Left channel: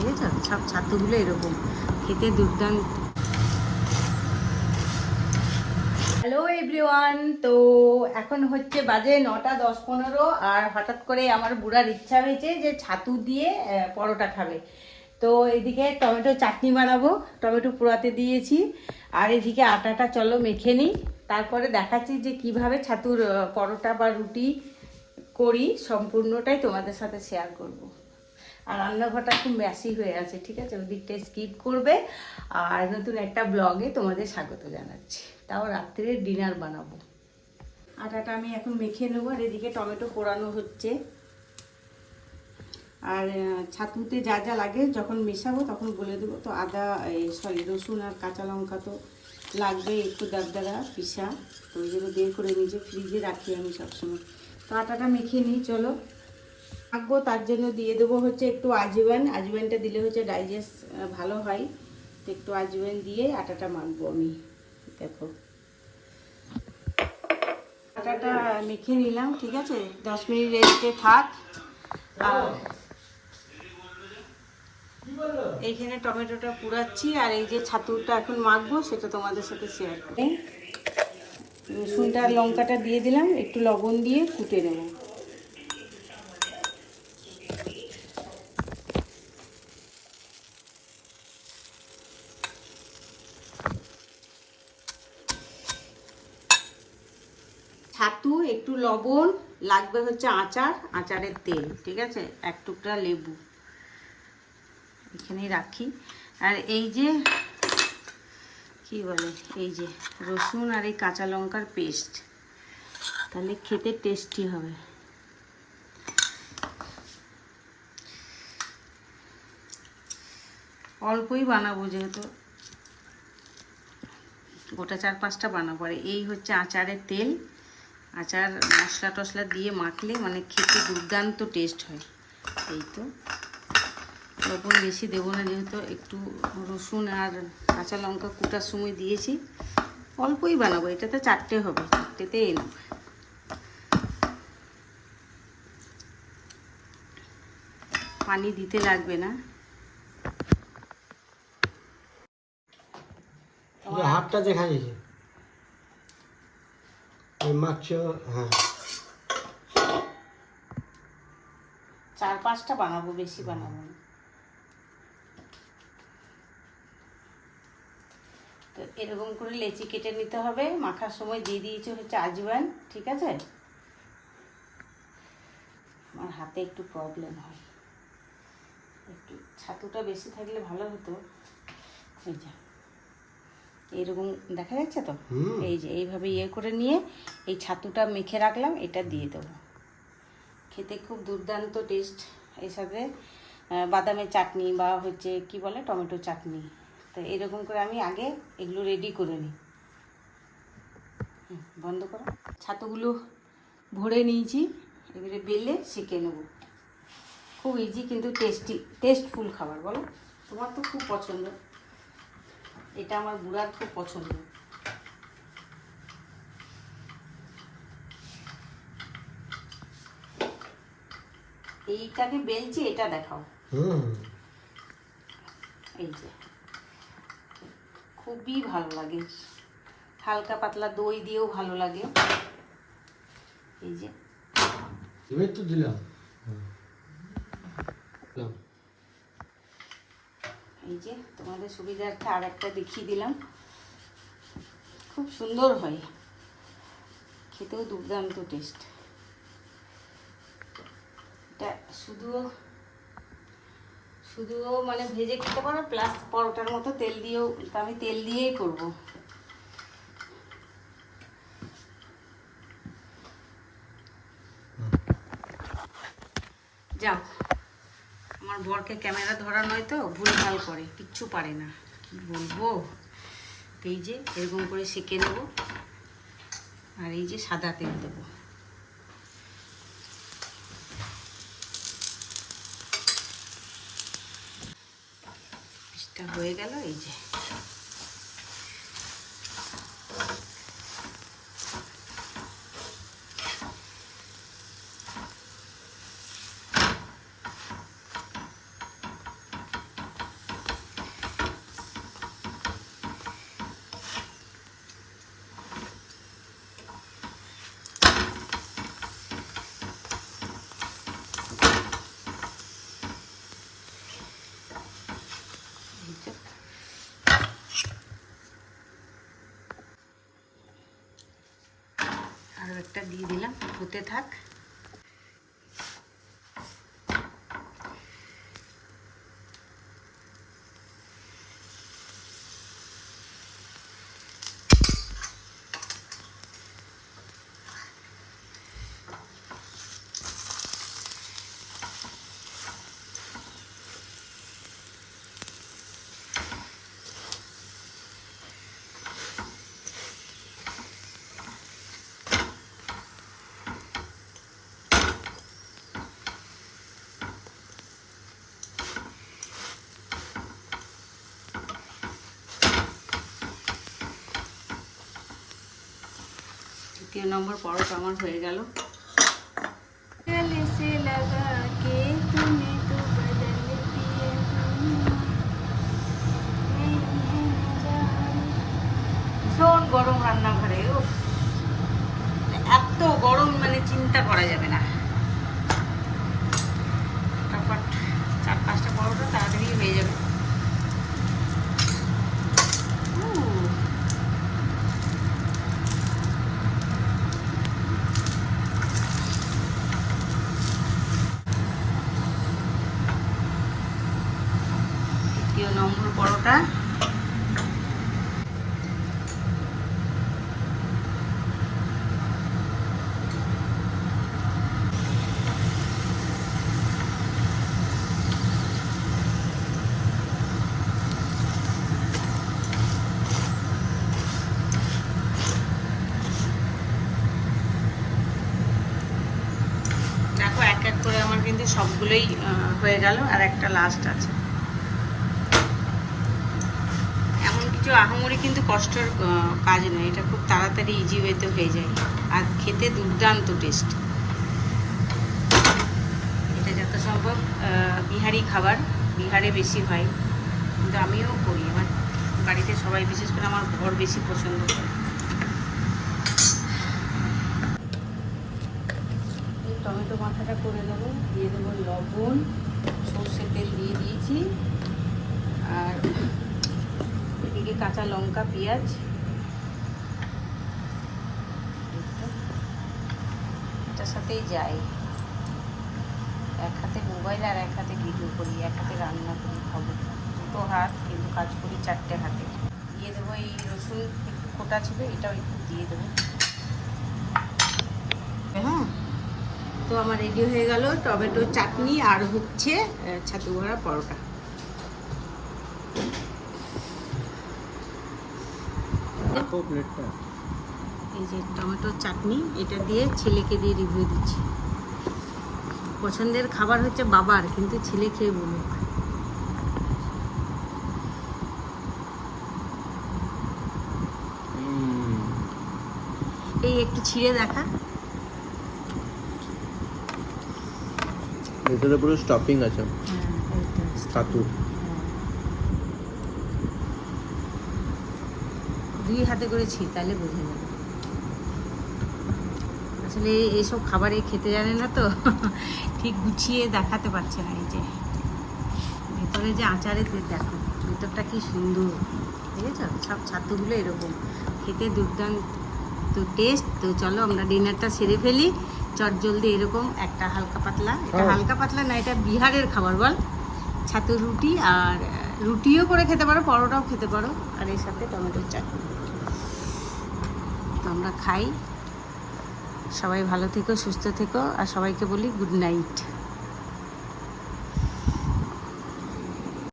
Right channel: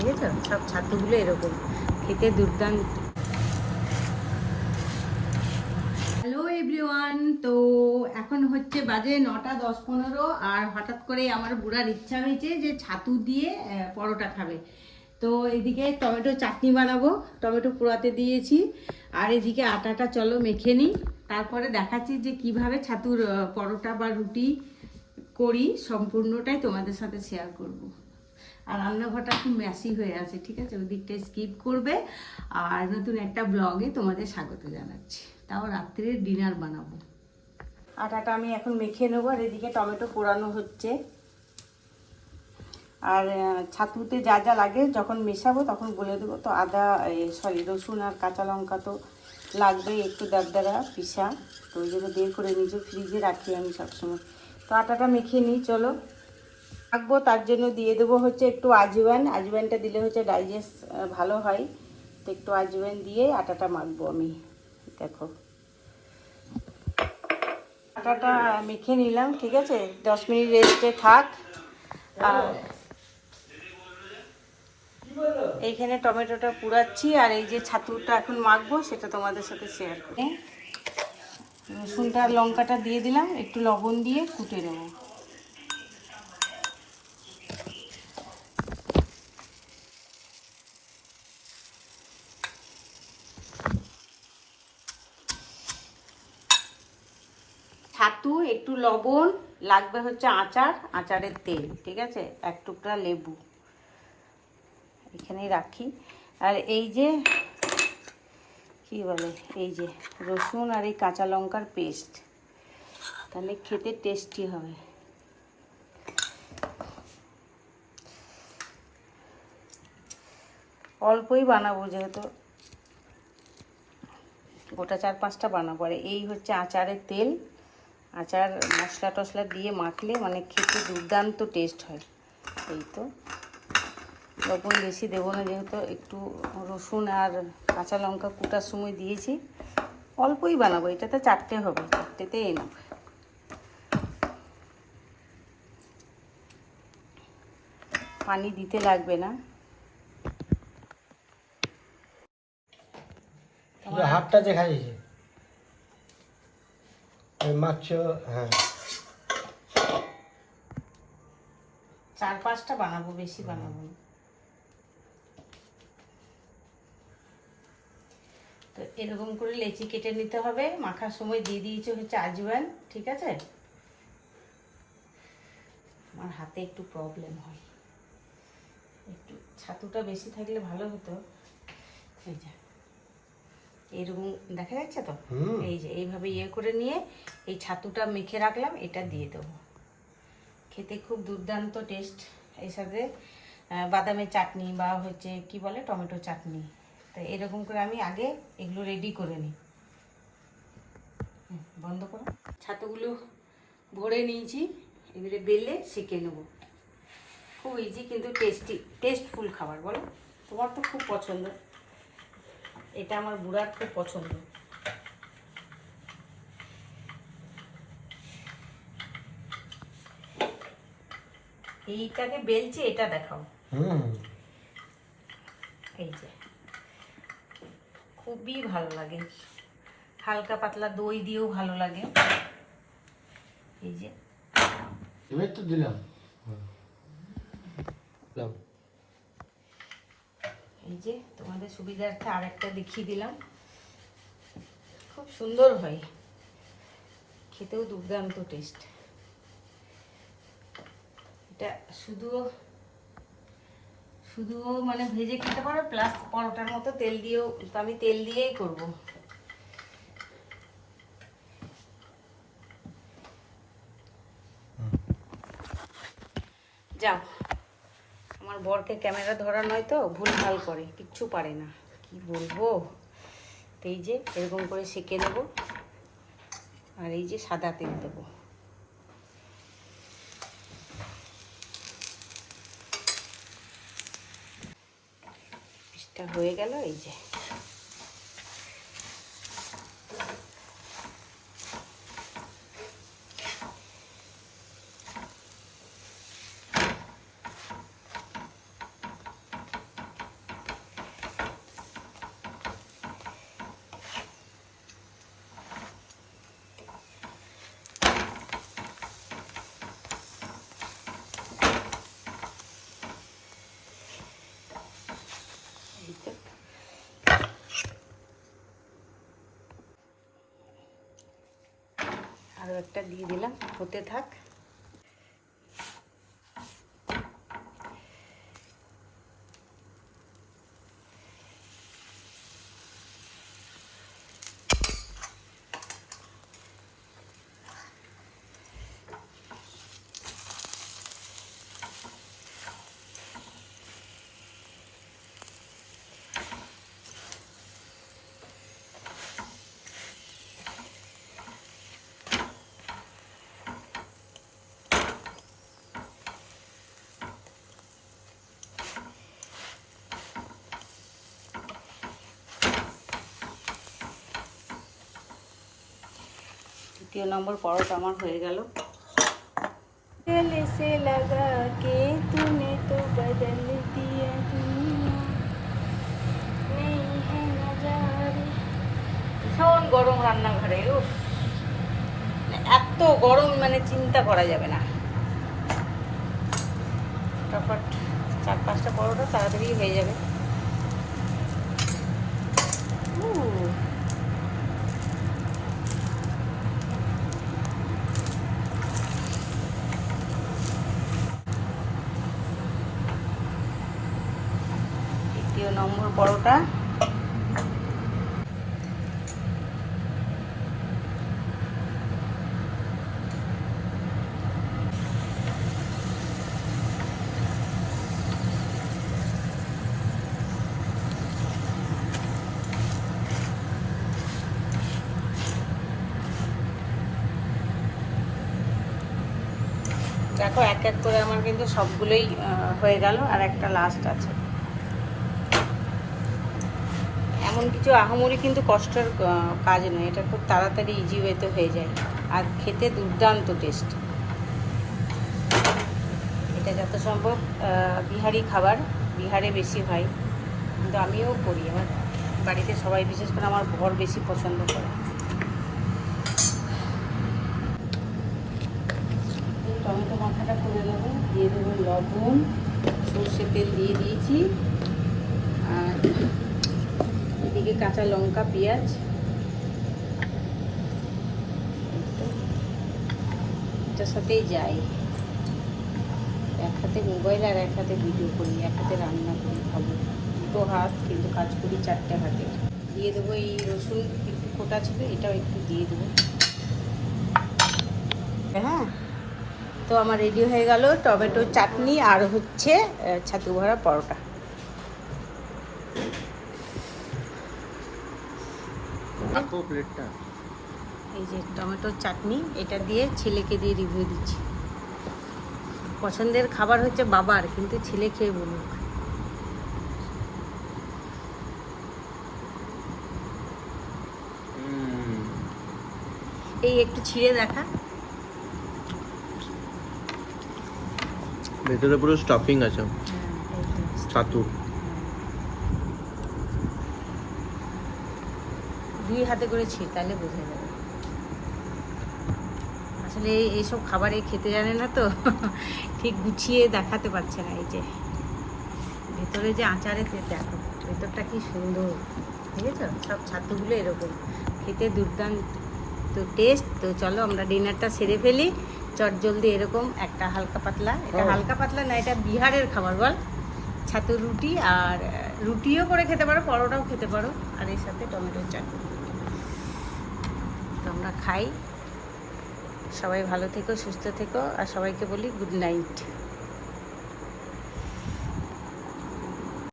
দেখেছ সব ছাতুগুলো এরকম। খেতে দুর্দান্ত। হ্যালো এভরিওয়ান তো এখন হচ্ছে বাজে নটা দশ পনেরো, আর হঠাৎ করে আমার বুড়ার ইচ্ছা হয়েছে যে ছাতু দিয়ে পরোটা খাবে। তো এদিকে টমেটো চাটনি বানাবো, টমেটো পোড়াতে দিয়েছি, আর এদিকে আটাটা চলো মেখে নিই। তারপরে দেখাচ্ছি যে কীভাবে ছাতুর পরোটা বা রুটি করি, সম্পূর্ণটাই তোমাদের সাথে শেয়ার করব। আর রান্নাঘরটা খুব ম্যাসি হয়ে আছে, ঠিক আছে? ওদিকটা স্কিপ করবে। আর নতুন একটা ব্লগে তোমাদের স্বাগত জানাচ্ছি। তাও রাত্রের ডিনার বানাবো। আটাটা আমি এখন মেখে নেব, আর এদিকে টমেটো পোড়ানো হচ্ছে। আর ছাতুতে যা যা লাগে যখন মেশাবো তখন বলে দেবো। তো আদা সরি, রসুন আর কাঁচা লঙ্কা তো লাগবে একটু দারদারা পিসা। তো ওই জন্য বের করে নিজে ফ্রিজে রাখি আমি সবসময়। তো আটাটা মেখে নিই, চলো। রাখব তার জন্য দিয়ে দেবো হচ্ছে একটু আজওয়ান আজওয়ানটা দিলে হচ্ছে ডাইজেস্ট ভালো হয়। তো একটু আজওয়ান দিয়ে আটাটা মাখবো আমি। দেখো। আটাটা মেখে নিলাম, ঠিক আছে? দশ মিনিট রেস্টে থাক। আর এইখানে টমেটোটা পুড়াচ্ছি, আর এই যে ছাতুটা এখন মাখবো, সেটা তোমাদের সাথে শেয়ার করি। রসুনটা লঙ্কাটা দিয়ে দিলাম, একটু লবণ দিয়ে কুটে নেব। ছাতু, একটু লবণ, লাগবে হচ্ছে আচার, আচারের তেল, ঠিক আছে? এক টুকরা লেবু। এখানেই রাখি। আর এই যে, কি বলে, এই যে রসুন আর এই কাঁচা লঙ্কার পেস্ট, তাহলে খেতে টেস্টি হবে। অল্পই বানাবো যেহেতু। গোটা চার পাঁচটা বানাবো। আর এই হচ্ছে আচারের তেল। আচার, মশলা টশলা দিয়ে মাখলে মানে খেতে দুর্দান্ত টেস্ট হয়। এই তো। লবণ বেশি দেবো না যেহেতু একটু রসুন আর কাঁচা লঙ্কা কুটার সময় দিয়েছি। অল্পই বানাবো, এটাতে চারটে হবে, চারটেতে এনাম পানি দিতে লাগবে না। হাতটা দেখা যাচ্ছে মাছ হ্যাঁ। চার পাঁচটা বানাবো, বেশি বানাবো তো এরকম করে লেচি কেটে নিতে হবে। মাখার সময় দিয়ে দিয়েছে হচ্ছে আজওয়ান ঠিক আছে? আমার হাতে একটু প্রবলেম হয়। একটু ছাতুটা বেশি থাকলে ভালো হতো। এই যে। এইরকম দেখা যাচ্ছে তো? এই যে এইভাবে ইয়ে করে নিয়ে এই ছাতুটা মেখে রাখলাম এটা দিয়ে দেবো। খেতে খুব দুর্দান্ত টেস্ট এর সাথে বাদামের চাটনি বা হচ্ছে কি বলে টমেটো চাটনি। তো এরকম করে আমি আগে এগুলো রেডি করে নিই। বন্ধ করো। ছাতুগুলো ভরে নিয়েছি এবারে বেলে সেঁকে নেব। খুব ইজি কিন্তু টেস্টি টেস্টফুল খাবার বলো? তোমার তো খুব পছন্দ। এটা আমার বুড়ার খুব পছন্দ। এইটাকে বেলছি এটা দেখাও। এই যে। খুবই ভালো লাগে। হালকা পাতলা দই দিয়েও ভালো লাগে। এই যে। এবার তো দিলাম। দিলাম। এই যে তোমাদের সুবিধার্থে আর একটা দেখিয়ে দিলাম। খুব সুন্দর হয়। খেতেও দুর্দান্ত টেস্ট এটা শুধুও শুধুও মানে ভেজে খেতে পারো প্লাস পরোটার মতো তেল দিয়েও, আমি তেল দিয়েই করব। যাও। আমার বরকে ক্যামেরা ধরা নয় তো ভুল ভালো করে, কিচ্ছু পারে না। কি বলব? এই যে, এরকম করে সেঁকে নেব। আর এই যে সাদা তেল দেবো। হয়ে গেল, এই যে। আরও একটা দিয়ে দিলাম হতে থাক। দ্বিতীয় নম্বর পরোটা আমার হয়ে গেল। ভীষণ গরম রান্নাঘরে এত গরম মানে চিন্তা করা যাবে না। তারপর চার পাঁচটা পরোটা তাড়াতাড়ি হয়ে যাবে। পরোটা। দেখো এক এক করে আমার কিন্তু সবগুলোই হয়ে গেল আর একটা লাস্ট আছে। কিছু আহামরি কিন্তু কষ্টের কাজ নয়। এটা খুব তাড়াতাড়ি ইজি ওয়েতে হয়ে যায়। আর খেতে দুর্দান্ত টেস্ট এটা যত সম্ভব বিহারি খাবার, বিহারে বেশি হয়। কিন্তু আমিও করি। আমার বাড়িতে সবাই, বিশেষ করে আমার ঘর বেশি পছন্দ করে। টমেটো মাখাটা করে দেবো দিয়ে দেবো লবণ, সর্ষে তেল দিয়ে দিয়েছি। আর এদিকে কাঁচা লঙ্কা, পেঁয়াজ। এটার সাথেই যাই। এক হাতে মোবাইল আর এক হাতে ভিডিও করি, এক হাতে রান্না করি, খাব। দুটো হাত, কিন্তু কাজ করি চারটে হাতে। দিয়ে দেবো এই রসুন ফোটা ছিল, এটাও একটু দিয়ে দেবো। হ্যাঁ? তো আমার রেডি হয়ে গেল টমেটো চাটনি আর হচ্ছে ছাতু ভরা পরোটা। রাখো প্লেটটা এই যে টমেটোর চাটনি এটা দিয়ে ছেলেকে দিয়ে রিভিউ দিচ্ছি। পছন্দের খাবার হচ্ছে বাবার কিন্তু ছেলে খেয়ে বলুক। এই একটু ছিঁড়ে দেখা। ভেতরে পুরো স্টাফিং আছে। হ্যাঁ এইটা। ছাতু হ্যাঁ। দুই হাতে করে ছি তাহলে বোঝা যাবে। আসলে এইসব খাবারে খেতে জানে না তো ঠিক গুছিয়ে দেখাতে পারছে না এই যে। ভেতরে যে আচারে দেখো ভেতরটা কি সুন্দর দেখেছ? সব ছাতুগুলো এরকম। খেতে দুর্দান্ত তো টেস্ট তো চলো আমরা ডিনারটা সেরে ফেলি। চট জলদি এরকম একটা হালকা পাতলা এটা হালকা পাতলা না এটা বিহারের খাবার বল। ছাতু রুটি আর রুটিও করে খেতে পারো পরোটাও খেতে পারো। আর এর সাথে টমেটোর চাটনি। তো আমরা খাই। সবাই ভালো থেকো সুস্থ থেকো আর সবাইকে বলি গুড নাইট